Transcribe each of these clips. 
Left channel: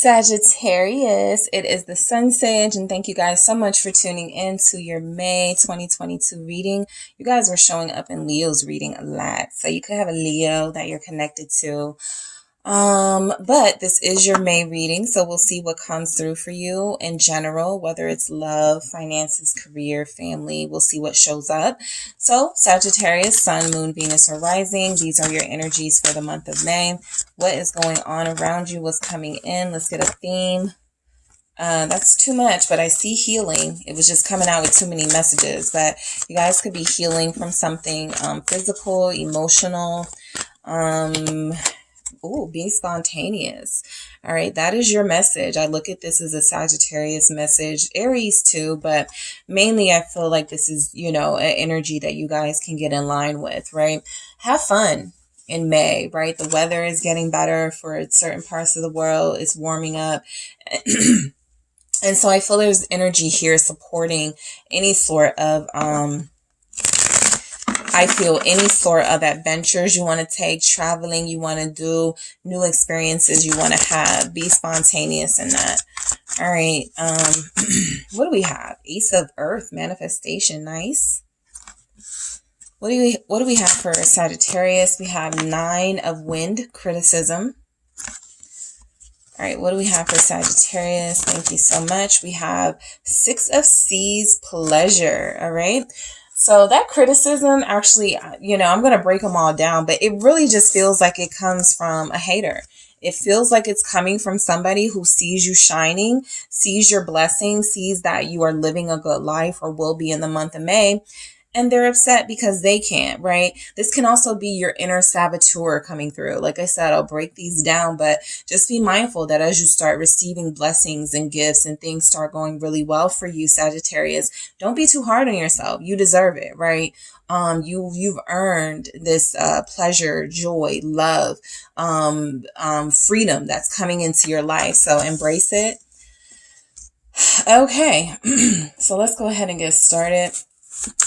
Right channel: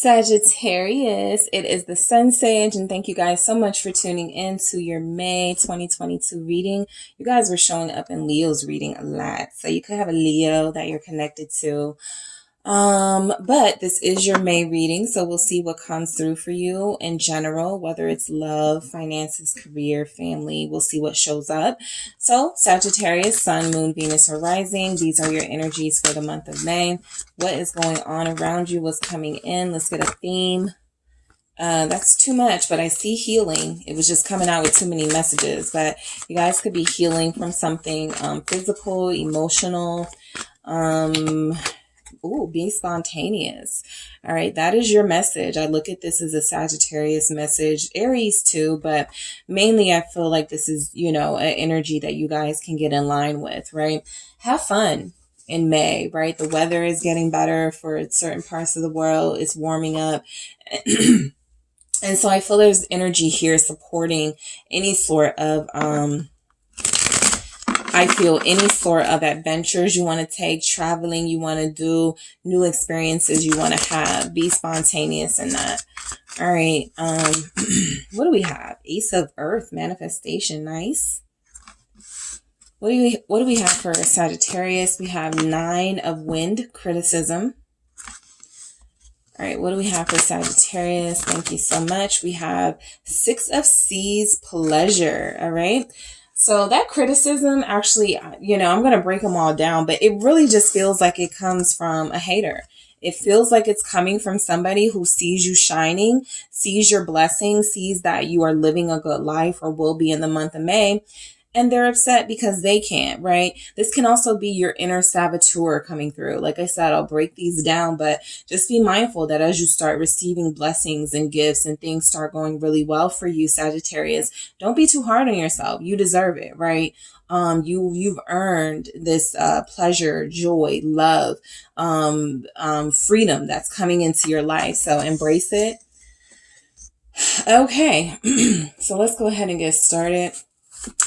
Sagittarius, it is the SunSage, and thank you guys so much for tuning in to your May 2022 reading. You guys were showing up in Leo's reading a lot, so you could have a Leo that you're connected to. But this is your May reading, so we'll see what comes through for you in general, whether it's love, finances, career, family. We'll see what shows up. So Sagittarius, Sun, Moon, Venus, or Rising. These are your energies for the month of May. What is going on around you? What's coming in? Let's get a theme. That's too much, but I see healing. It was just coming out with too many messages, but you guys could be healing from something physical, emotional, be spontaneous. All right, that is your message. I look at this as a Sagittarius message, Aries too, but mainly I feel like this is, an energy that you guys can get in line with, right? Have fun in May, right? The weather is getting better for certain parts of the world. It's warming up. And so I feel there's energy here supporting any sort of, any sort of adventures you want to take, traveling you want to do, new experiences you want to have. Be spontaneous in that. All right. What do we have? Ace of Earth, manifestation. Nice. What do we have for Sagittarius? We have Nine of Wind, criticism. All right, what do we have for Sagittarius? Thank you so much. We have Six of Seas, pleasure. All right. So that criticism, actually, I'm going to break them all down, but it really just feels like it comes from a hater. It feels like it's coming from somebody who sees you shining, sees your blessing, sees that you are living a good life or will be in the month of May. And they're upset because they can't, right? This can also be your inner saboteur coming through. Like I said, I'll break these down, but just be mindful that as you start receiving blessings and gifts and things start going really well for you, Sagittarius, don't be too hard on yourself. You deserve it, right? You've earned this pleasure, joy, love, freedom that's coming into your life. So embrace it. Okay, so let's go ahead and get started.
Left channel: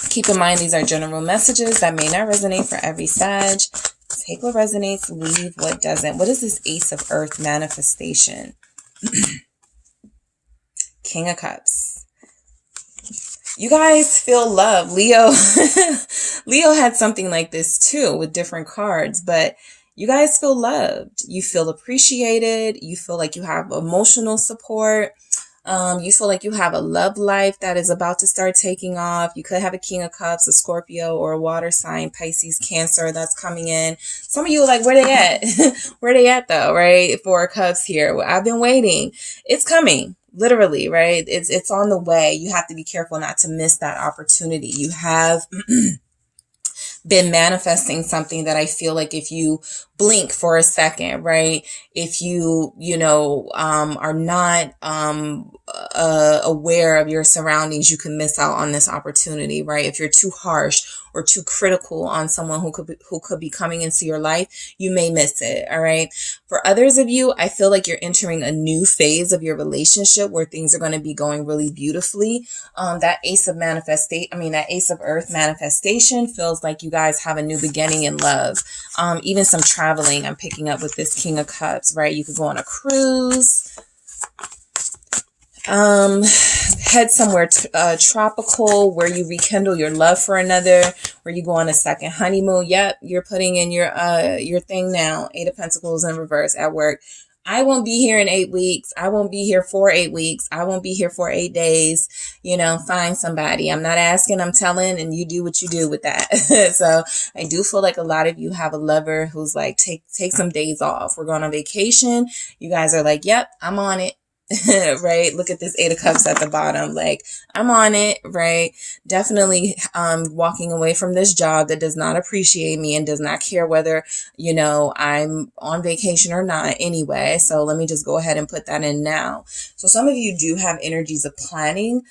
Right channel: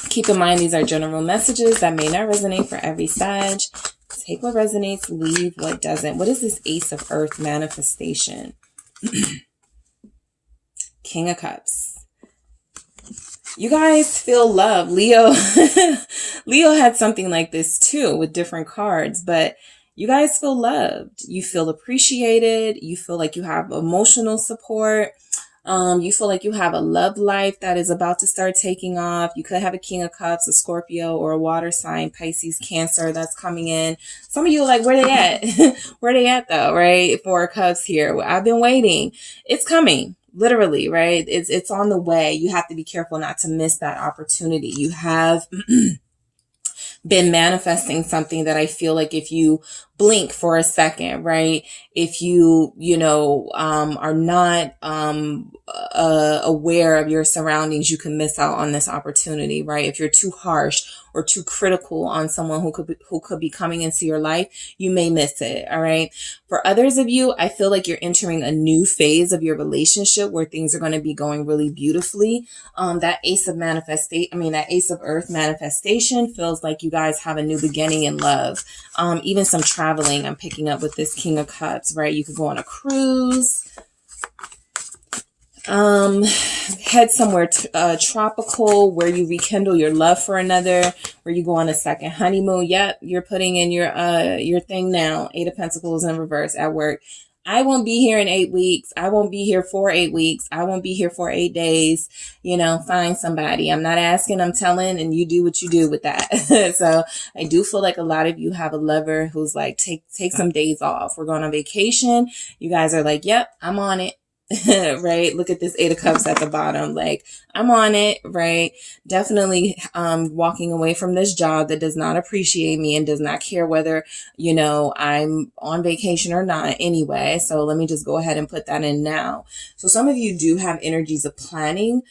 Keep in mind, these are general messages that may not resonate for every Sag. Take what resonates, leave what doesn't. What is this Ace of Earth manifestation? King of Cups. You guys feel love. Leo had something like this too with different cards, but you guys feel loved. You feel appreciated. You feel like you have emotional support. You feel like you have a love life that is about to start taking off. You could have a King of Cups, a Scorpio, or a water sign, Pisces, Cancer that's coming in. Some of you are like, where they at? Where they at though, right? Four of Cups here. I've been waiting. It's coming. Literally, right? It's on the way. You have to be careful not to miss that opportunity. You have been manifesting something that I feel like if you blink for a second, right? If you, are not aware of your surroundings, you can miss out on this opportunity, right? If you're too harsh or too critical on someone who could be coming into your life, you may miss it, all right? For others of you, I feel like you're entering a new phase of your relationship where things are going to be going really beautifully. That Ace of Earth manifestation feels like you guys have a new beginning in love. Even some traveling I'm picking up with this King of Cups, right? You could go on a cruise, head somewhere tropical where you rekindle your love for another, where you go on a second honeymoon. Yep, you're putting in your thing now. Eight of Pentacles in reverse at work. I won't be here in 8 weeks. I won't be here for 8 weeks. I won't be here for 8 days. Find somebody. I'm not asking, I'm telling, and you do what you do with that. So I do feel like a lot of you have a lover who's like, take some days off. We're going on vacation. You guys are like, yep, I'm on it. Right? Look at this Eight of Cups at the bottom. Like, I'm on it, right? Definitely walking away from this job that does not appreciate me and does not care whether, I'm on vacation or not anyway. So let me just go ahead and put that in now. So some of you do have energies of planning,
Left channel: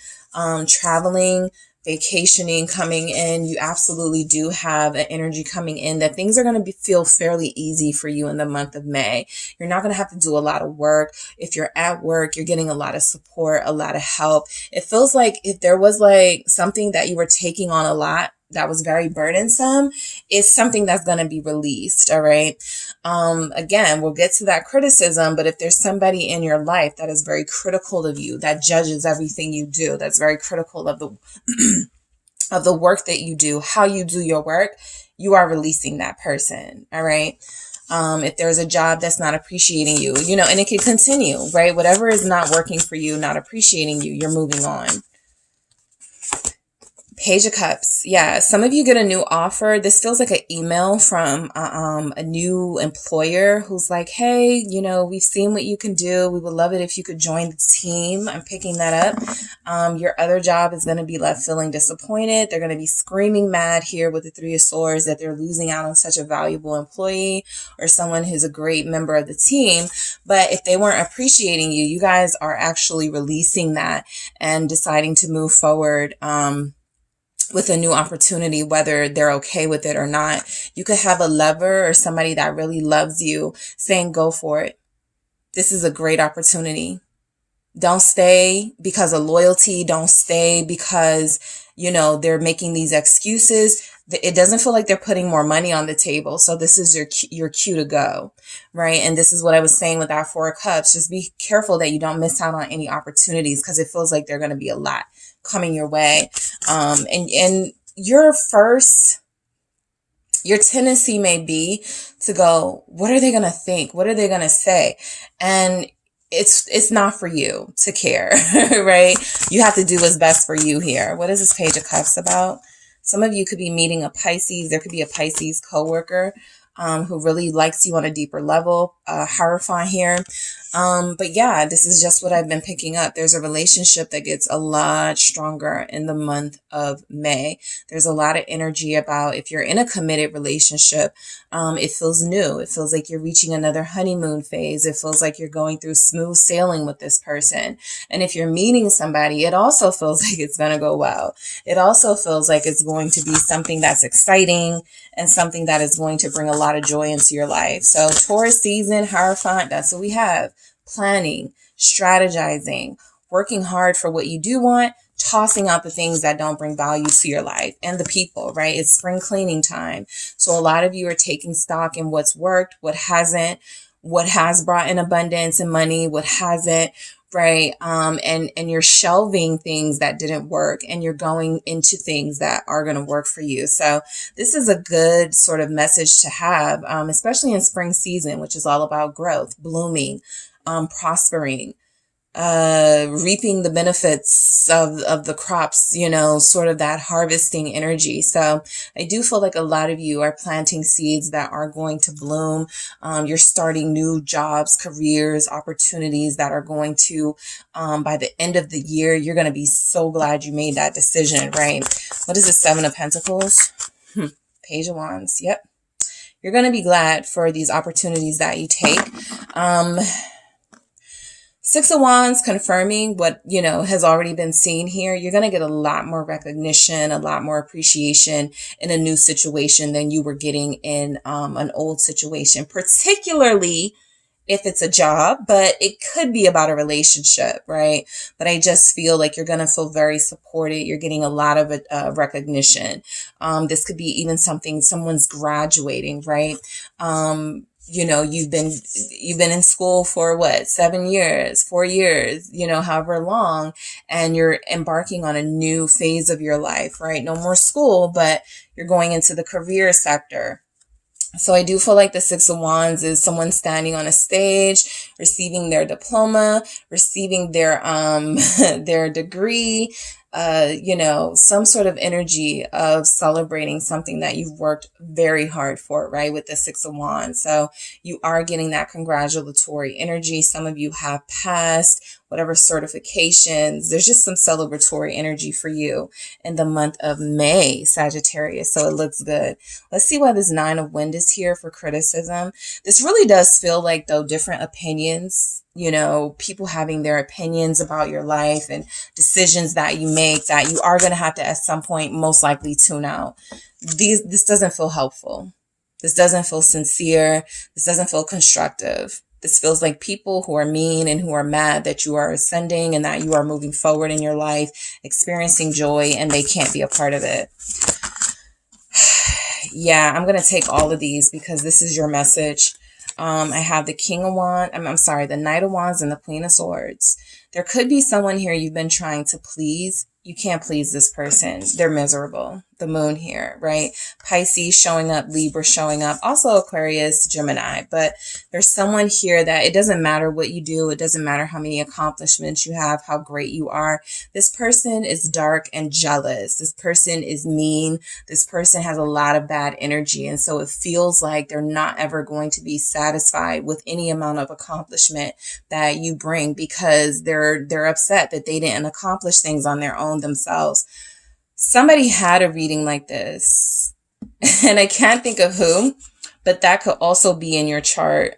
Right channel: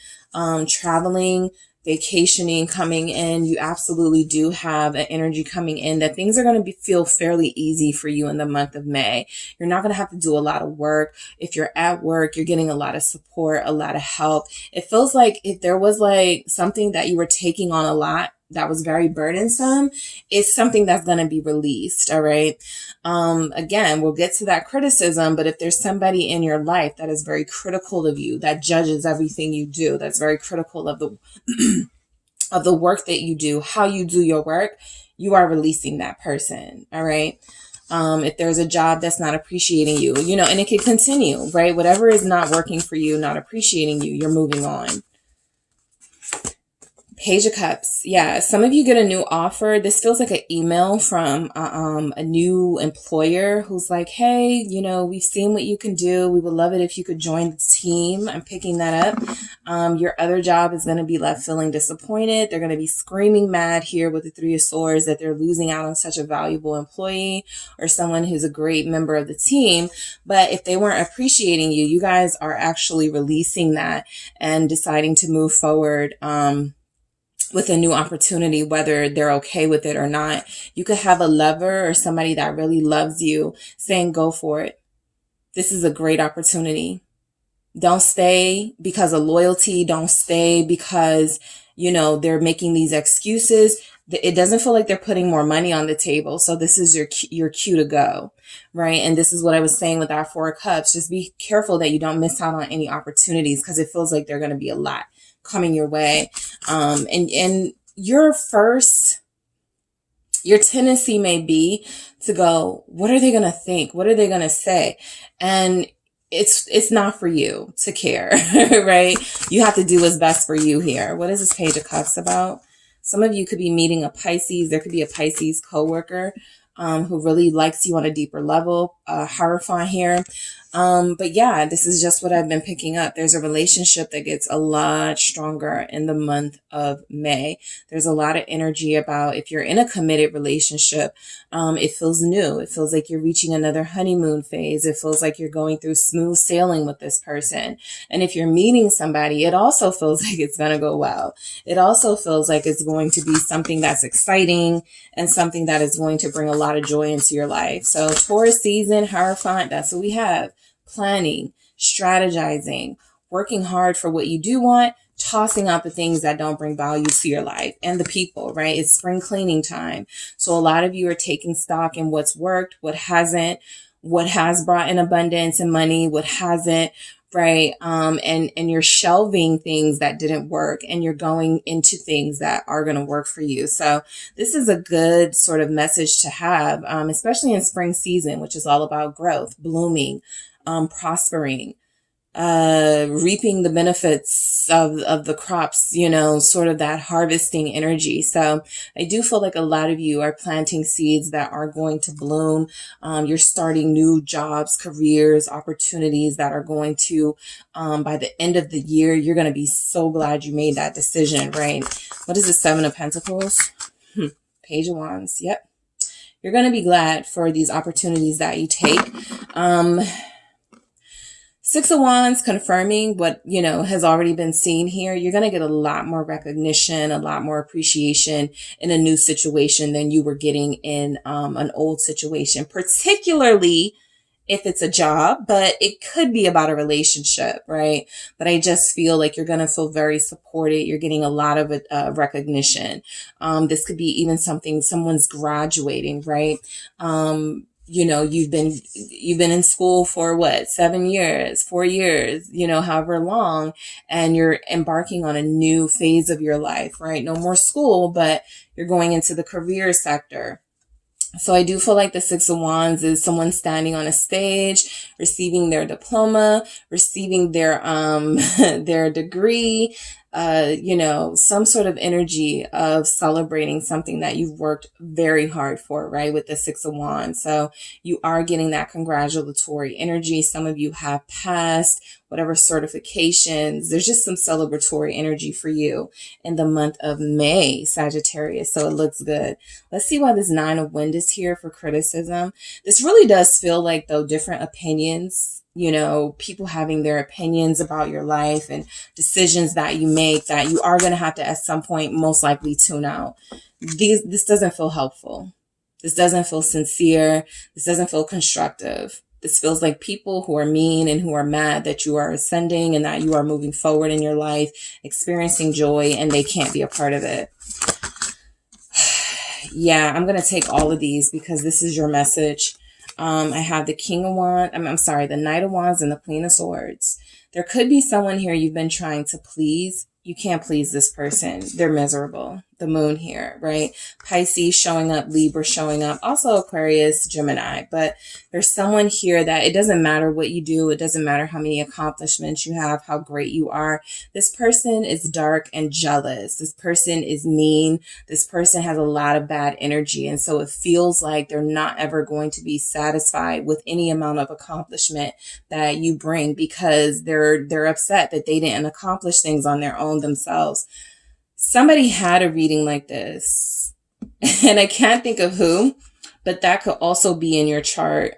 traveling, vacationing coming in. You absolutely do have an energy coming in that things are going to feel fairly easy for you in the month of May. You're not going to have to do a lot of work. If you're at work, you're getting a lot of support, a lot of help. It feels like if there was like something that you were taking on a lot that was very burdensome is something that's going to be released. All right. Again, we'll get to that criticism, but if there's somebody in your life that is very critical of you, that judges everything you do, that's very critical of the of the work that you do, how you do your work, you are releasing that person. All right. If there's a job that's not appreciating you, you know, and it can continue, right? Whatever is not working for you, not appreciating you, you're moving on. Page of Cups. Yeah, some of you get a new offer. This feels like an email from a new employer who's like, hey, you know, we've seen what you can do. We would love it if you could join the team. I'm picking that up. Your other job is going to be left feeling disappointed. They're going to be screaming mad here with the Three of Swords that they're losing out on such a valuable employee or someone who's a great member of the team. But if they weren't appreciating you, you guys are actually releasing that and deciding to move forward with a new opportunity, whether they're okay with it or not. You could have a lover or somebody that really loves you saying, go for it. This is a great opportunity. Don't stay because of loyalty. Don't stay because, you know, they're making these excuses. It doesn't feel like they're putting more money on the table. So this is your cue to go, right? And this is what I was saying with that Four of Cups. Just be careful that you don't miss out on any opportunities because it feels like they're going to be a lot coming your way. And your tendency may be to go, what are they going to think? What are they going to say? And it's not for you to care, right? You have to do what's best for you here. What is this Page of Cups about? Some of you could be meeting a Pisces. There could be a Pisces coworker who really likes you on a deeper level. Hierophant here. But yeah, this is just what I've been picking up. There's a relationship that gets a lot stronger in the month of May. There's a lot of energy about if you're in a committed relationship, it feels new. It feels like you're reaching another honeymoon phase. It feels like you're going through smooth sailing with this person. And if you're meeting somebody, it also feels like it's going to go well. It also feels like it's going to be something that's exciting and something that is going to bring a lot of joy into your life. So Taurus season, Hierophant, that's what we have. Planning, strategizing, working hard for what you do want, tossing out the things that don't bring value to your life and the people, right? It's spring cleaning time. So a lot of you are taking stock in what's worked, what hasn't, what has brought in abundance and money, what hasn't, right? And you're shelving things that didn't work and you're going into things that are going to work for you. So this is a good sort of message to have, especially in spring season, which is all about growth, blooming, prospering, reaping the benefits of the crops, you know, sort of that harvesting energy. So I do feel like a lot of you are planting seeds that are going to bloom. You're starting new jobs, careers, opportunities that are going to, by the end of the year, you're going to be so glad you made that decision, right? What is the Seven of Pentacles? Page of Wands. Yep. You're going to be glad for these opportunities that you take. Six of Wands confirming what, you know, has already been seen here. You're going to get a lot more recognition, a lot more appreciation in a new situation than you were getting in an old situation, particularly if it's a job, but it could be about a relationship, right? But I just feel like you're going to feel very supported. You're getting a lot of recognition. This could be even someone's graduating, right? You know, you've been in school for what, 7 years, 4 years, you know, however long, and you're embarking on a new phase of your life, right? No more school, but you're going into the career sector. So I do feel like the Six of Wands is someone standing on a stage, receiving their diploma, receiving their their degree, you know, some sort of energy of celebrating something that you've worked very hard for, right? With the Six of Wands. So you are getting that congratulatory energy. Some of you have passed whatever certifications. There's just some celebratory energy for you in the month of May, Sagittarius. So it looks good. Let's see why this Nine of Wind is here for criticism. This really does feel like, though, different opinions, you know, people having their opinions about your life and decisions that you make that you are going to have to at some point most likely tune out. This doesn't feel helpful. This doesn't feel sincere. This doesn't feel constructive. This feels like people who are mean and who are mad that you are ascending and that you are moving forward in your life, experiencing joy, and they can't be a part of it. Yeah, I'm going to take all of these because this is your message. I have the King of Wands, I'm sorry, the Knight of Wands and the Queen of Swords. There could be someone here you've been trying to please. You can't please this person. They're miserable. The Moon here, right? Pisces showing up, Libra showing up, also Aquarius, Gemini. But there's someone here that it doesn't matter what you do. It doesn't matter how many accomplishments you have, how great you are. This person is dark and jealous. This person is mean. This person has a lot of bad energy. And so it feels like they're not ever going to be satisfied with any amount of accomplishment that you bring because they're upset that they didn't accomplish things on their own themselves. Somebody had a reading like this, and I can't think of who, but that could also be in your chart.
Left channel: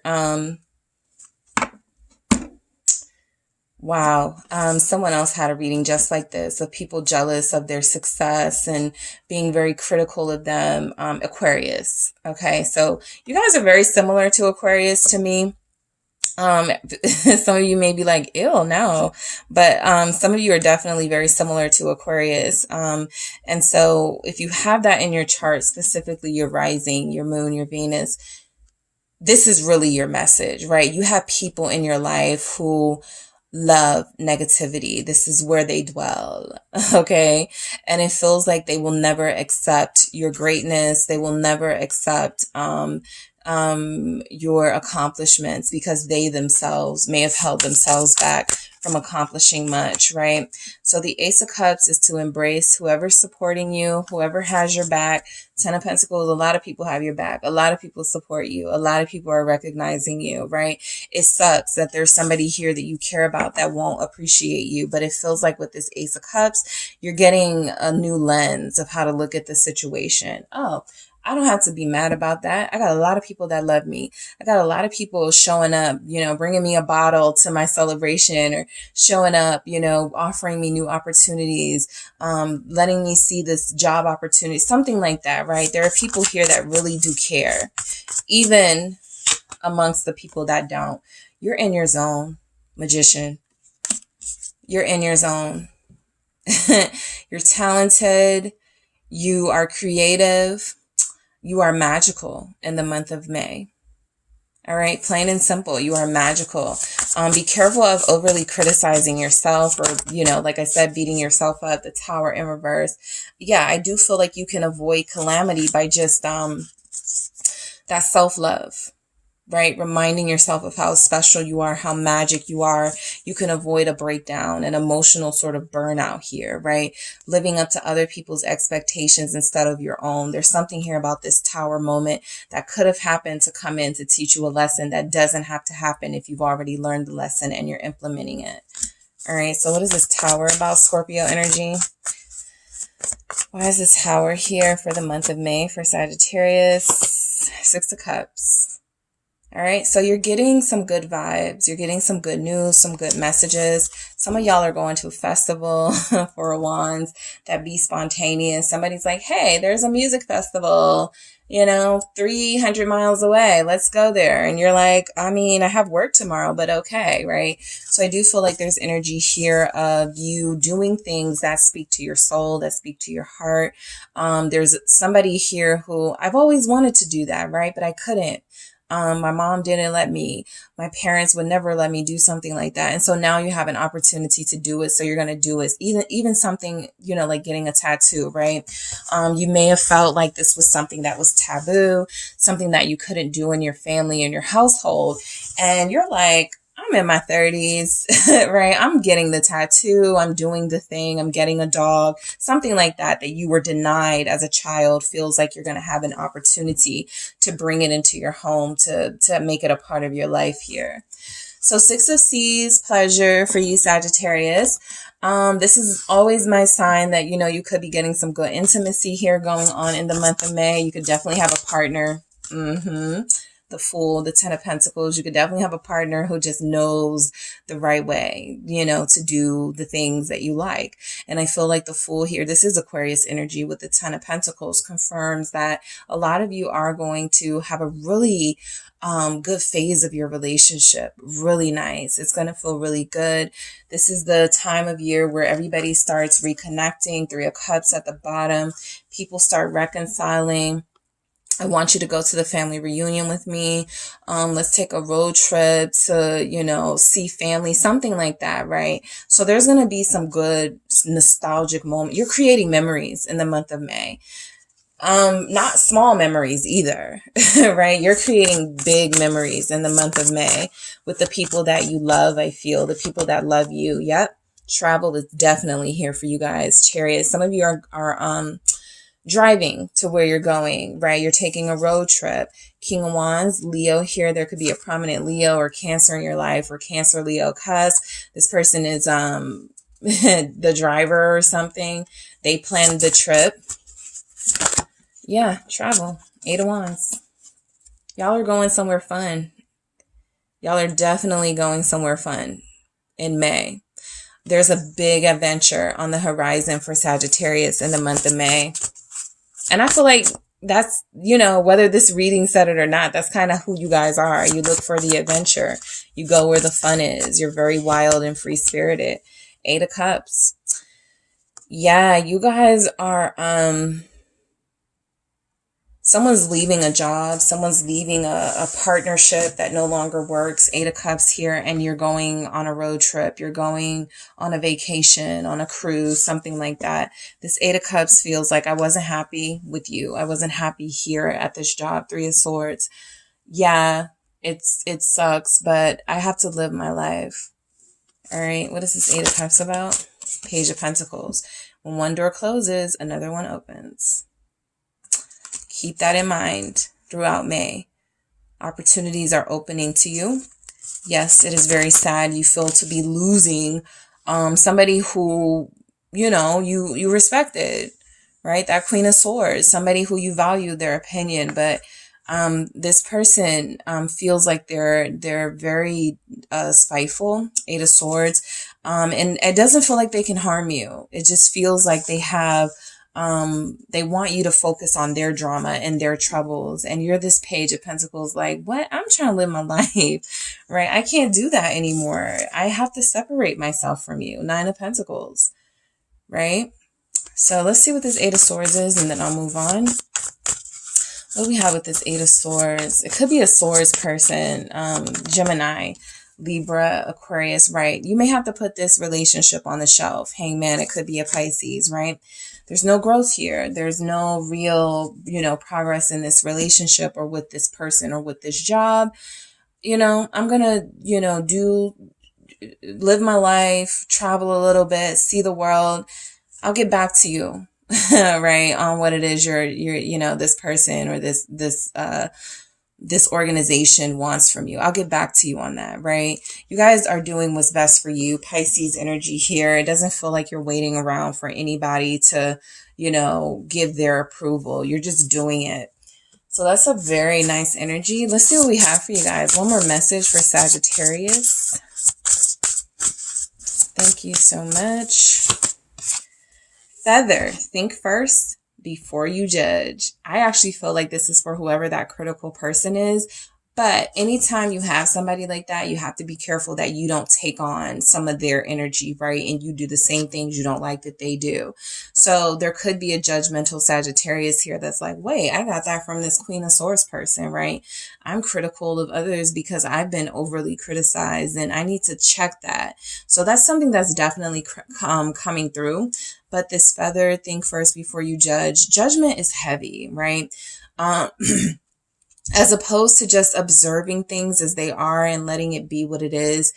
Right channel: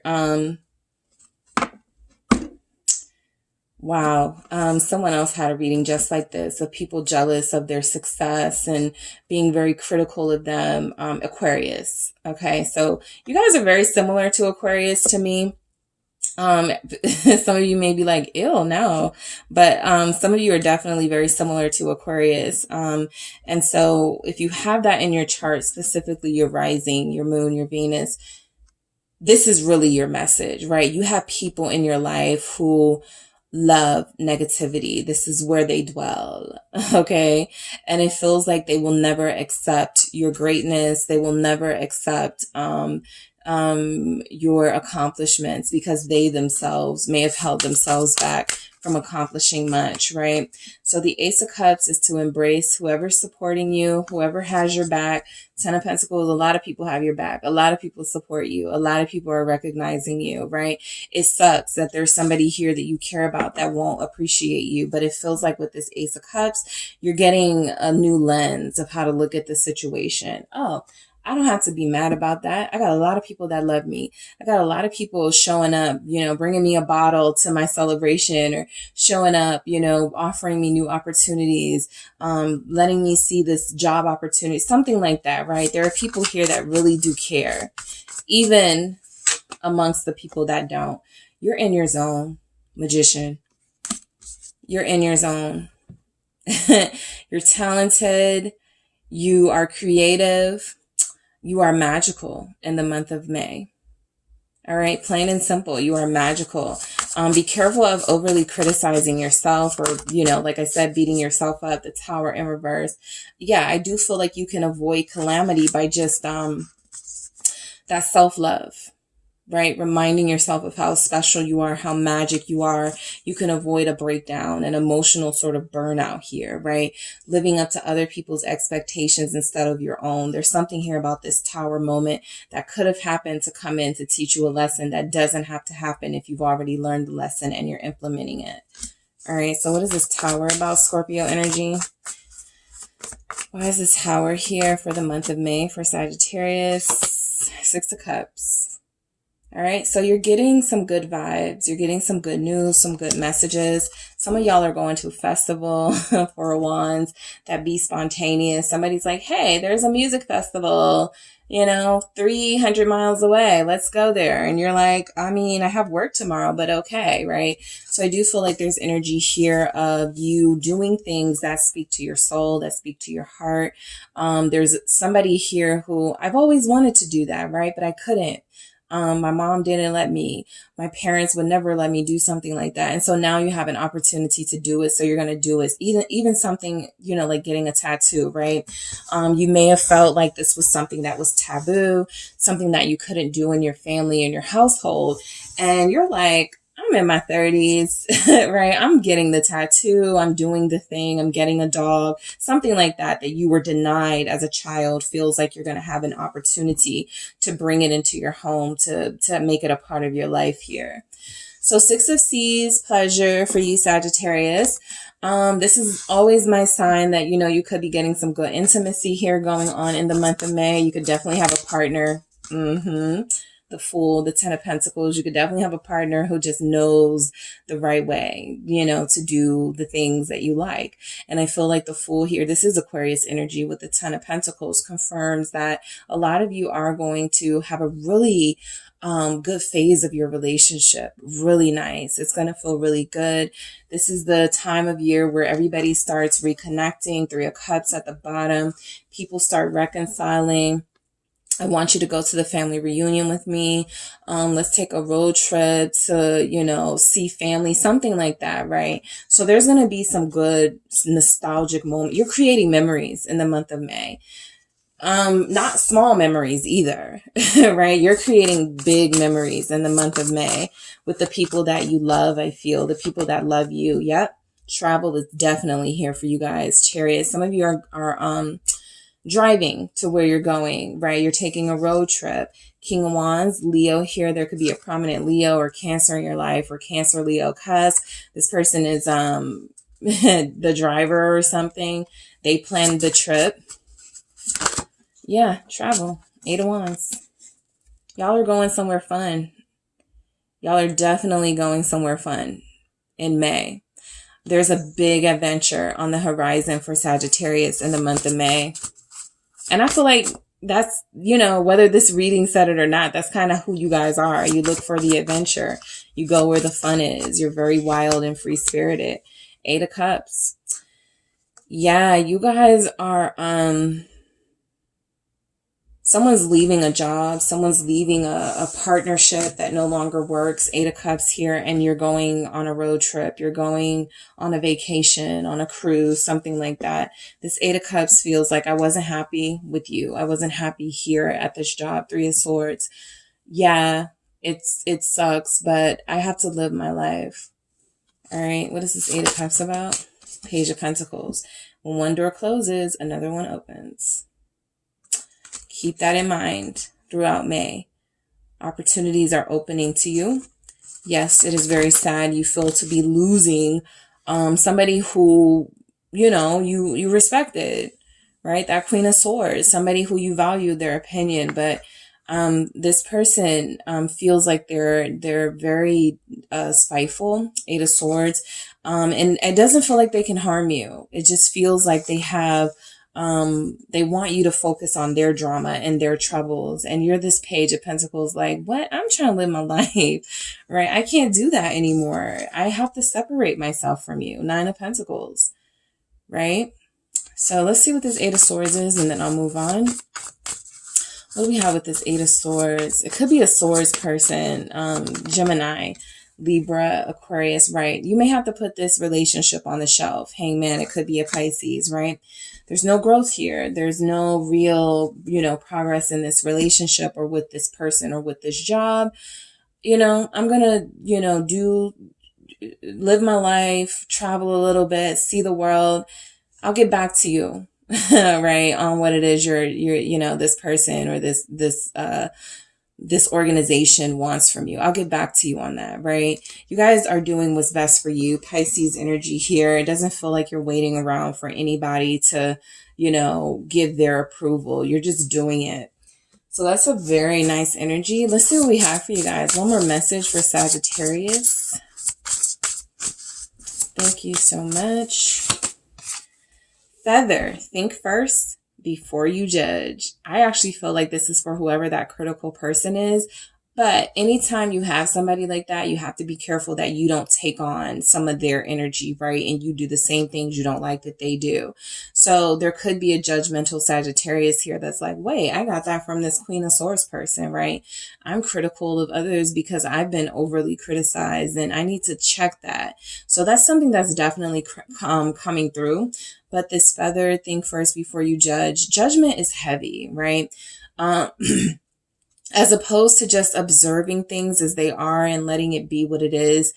Wow. Someone else had a reading just like this of people jealous of their success and being very critical of them. Aquarius. Okay. So you guys are very similar to Aquarius to me. Some of you may be like, ew, no, but some of you are definitely very similar to Aquarius. And so if you have that in your chart, specifically your rising, your moon, your Venus, this is really your message, right? You have people in your life who love negativity. This is where they dwell. Okay. And it feels like they will never accept your greatness. They will never accept, your accomplishments because they themselves may have held themselves back from accomplishing much, right? So the Ace of Cups is to embrace whoever's supporting you, whoever has your back. Ten of Pentacles, a lot of people have your back. A lot of people support you. A lot of people are recognizing you, right? It sucks that there's somebody here that you care about that won't appreciate you, but it feels like with this Ace of Cups, you're getting a new lens of how to look at the situation. Oh, I don't have to be mad about that. I got a lot of people that love me. I got a lot of people showing up, bringing me a bottle to my celebration or showing up, offering me new opportunities, letting me see this job opportunity, something like that, right? There are people here that really do care, even amongst the people that don't. You're in your zone, Magician. You're in your zone. You're talented. You are creative. You are magical in the month of May. All right. Plain and simple. You are magical. Be careful of overly criticizing yourself or, like I said, beating yourself up. The Tower in reverse. Yeah, I do feel like you can avoid calamity by just that self-love. Right? Reminding yourself of how special you are, how magic you are. You can avoid a breakdown, an emotional sort of burnout here, right? Living up to other people's expectations instead of your own. There's something here about this Tower moment that could have happened to come in to teach you a lesson that doesn't have to happen if you've already learned the lesson and you're implementing it. All right. So what is this Tower about, Scorpio energy? Why is this Tower here for the month of May for Sagittarius? Six of Cups. All right. So you're getting some good vibes. You're getting some good news, some good messages. Some of y'all are going to a festival for Wands that be spontaneous. Somebody's like, hey, there's a music festival, 300 miles away. Let's go there. And you're like, I have work tomorrow, but okay. Right. So I do feel like there's energy here of you doing things that speak to your soul, that speak to your heart. There's somebody here who I've always wanted to do that. Right. But I couldn't. My mom didn't let me. My parents would never let me do something like that. And so now you have an opportunity to do it. So you're going to do it. Even something, like getting a tattoo, right? You may have felt like this was something that was taboo, something that you couldn't do in your family and your household. And you're like, I'm in my 30s, right? I'm getting the tattoo. I'm doing the thing. I'm getting a dog, something like that you were denied as a child. Feels like you're going to have an opportunity to bring it into your home, to make it a part of your life here. So Six of Seas, pleasure for you, Sagittarius. This is always my sign that, you could be getting some good intimacy here going on in the month of May. You could definitely have a partner. The Fool, the Ten of Pentacles. You could definitely have a partner who just knows the right way, to do the things that you like. And I feel like the Fool here, this is Aquarius energy with the Ten of Pentacles, confirms that a lot of you are going to have a really good phase of your relationship. Really nice. It's going to feel really good. This is the time of year where everybody starts reconnecting. Three of Cups at the bottom. People start reconciling. I want you to go to the family reunion with me. Let's take a road trip to, you know, see family, something like that, right? So there's going to be some good nostalgic moment. You're creating memories in the month of May. Not small memories either, right? You're creating big memories in the month of May with the people that you love. I feel the people that love you. Yep. Travel is definitely here for you guys. Chariot. Some of you are driving to where you're going, right? You're taking a road trip. King of Wands, Leo here. There could be a prominent Leo or Cancer in your life, or Cancer, Leo, cuz this person is the driver or something. They planned the trip. Yeah, travel. 8 of Wands. Y'all are going somewhere fun. Y'all are definitely going somewhere fun in May. There's a big adventure on the horizon for Sagittarius in the month of May. And I feel like that's, you know, whether this reading said it or not, that's kind of who you guys are. You look for the adventure. You go where the fun is. You're very wild and free-spirited. 8 of Cups. Yeah, you guys are, someone's leaving a job. Someone's leaving a partnership that no longer works. 8 of Cups here. And you're going on a road trip. You're going on a vacation, on a cruise, something like that. This 8 of Cups feels like I wasn't happy with you. I wasn't happy here at this job. 3 of Swords. Yeah, it sucks, but I have to live my life. All right. What is this 8 of Cups about? Page of Pentacles. When one door closes, another one opens. Keep that in mind throughout May. Opportunities are opening to you. Yes, it is very sad. You feel to be losing somebody who, you know, you respected, right? That Queen of Swords, somebody who you value their opinion, but this person feels like they're very spiteful. 8 of Swords. And it doesn't feel like they can harm you. It just feels like they have they want you to focus on their drama and their troubles. And you're this Page of Pentacles like, what? I'm trying to live my life, right? I can't do that anymore. I have to separate myself from you. 9 of Pentacles, right? So let's see what this 8 of Swords is, and then I'll move on. What do we have with this 8 of Swords? It could be a Swords person, Gemini, Libra, Aquarius, right? You may have to put this relationship on the shelf. Hangman, it could be a Pisces, right? There's no growth here. There's no real, you know, progress in this relationship or with this person or with this job. You know, I'm going to, you know, live my life, travel a little bit, see the world. I'll get back to you, right? On what it is you're, you know, this person or this organization wants from you. I'll get back to you on that, right? You guys are doing what's best for you. Pisces energy here. It doesn't feel like you're waiting around for anybody to, you know, give their approval. You're just doing it. So that's a very nice energy. Let's see what we have for you guys. One more message for Sagittarius. Thank you so much. Feather, think first before you judge. I actually feel like this is for whoever that critical person is. But anytime you have somebody like that, you have to be careful that you don't take on some of their energy, right? And you do the same things you don't like that they do. So there could be a judgmental Sagittarius here that's like, wait, I got that from this Queen of Swords person, right? I'm critical of others because I've been overly criticized and I need to check that. So that's something that's definitely coming through. But this Feather, think first before you judge. Judgment is heavy, right? As opposed to just observing things as they are and letting it be what it is,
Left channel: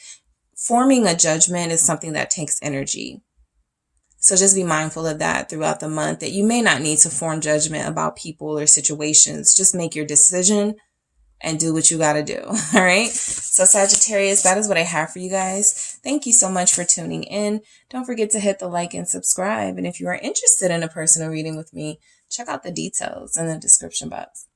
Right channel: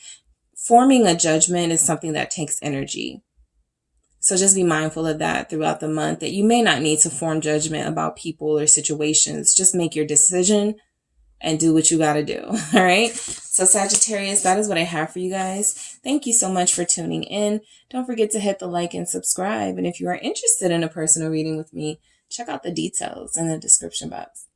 forming a judgment is something that takes energy. So just be mindful of that throughout the month, that you may not need to form judgment about people or situations. Just make your decision and do what you got to do. All right. So Sagittarius, that is what I have for you guys. Thank you so much for tuning in. Don't forget to hit the like and subscribe. And if you are interested in a personal reading with me, check out the details in the description box.